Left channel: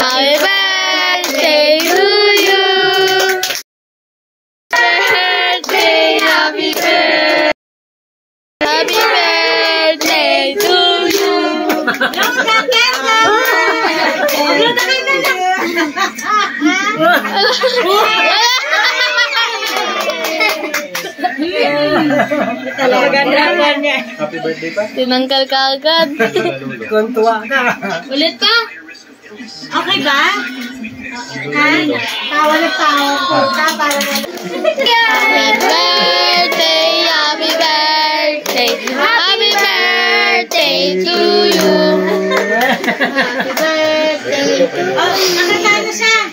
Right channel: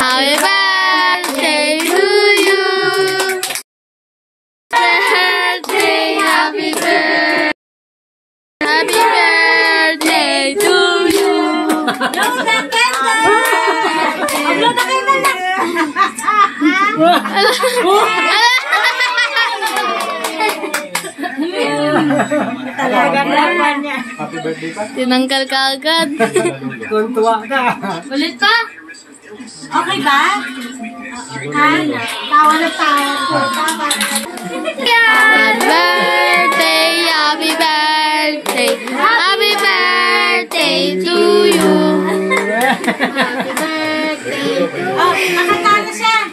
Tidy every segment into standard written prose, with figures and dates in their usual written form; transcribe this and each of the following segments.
Happy birthday to you. Birthday, happy birthday. Happy birthday to you. Talaga niya. Happy birthday pa? Tinanggal ka agad. Tuntua ka. Ulit pa? Okay ba? Tawa na tawa po. Happy birthday, happy birthday, happy birthday to you. Happy birthday to you. Oh, nakatalo siya.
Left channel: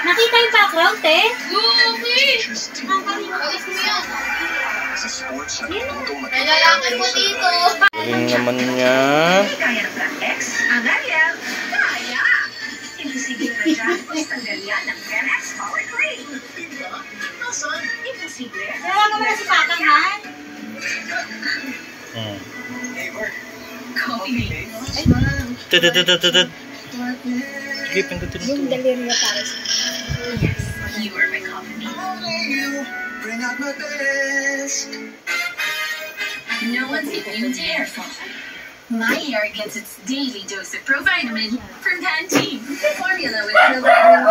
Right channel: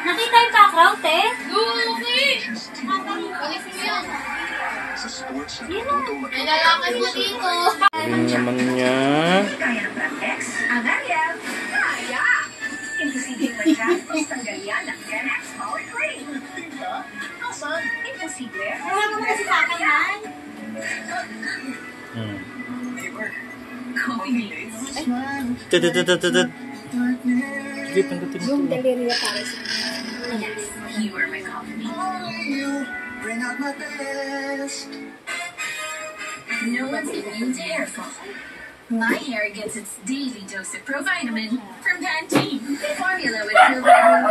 Nakita yung background, te? Nalalaki mo dito. Galing naman niya. Tawa naman si Kakang, Han. Sige, pindutin mo. Yung delirio para sa You are my company. Bring out my best. No one's immune to hair fall. My hair gets its daily dose of Provitamin from Pantene. Formula with Provitamin.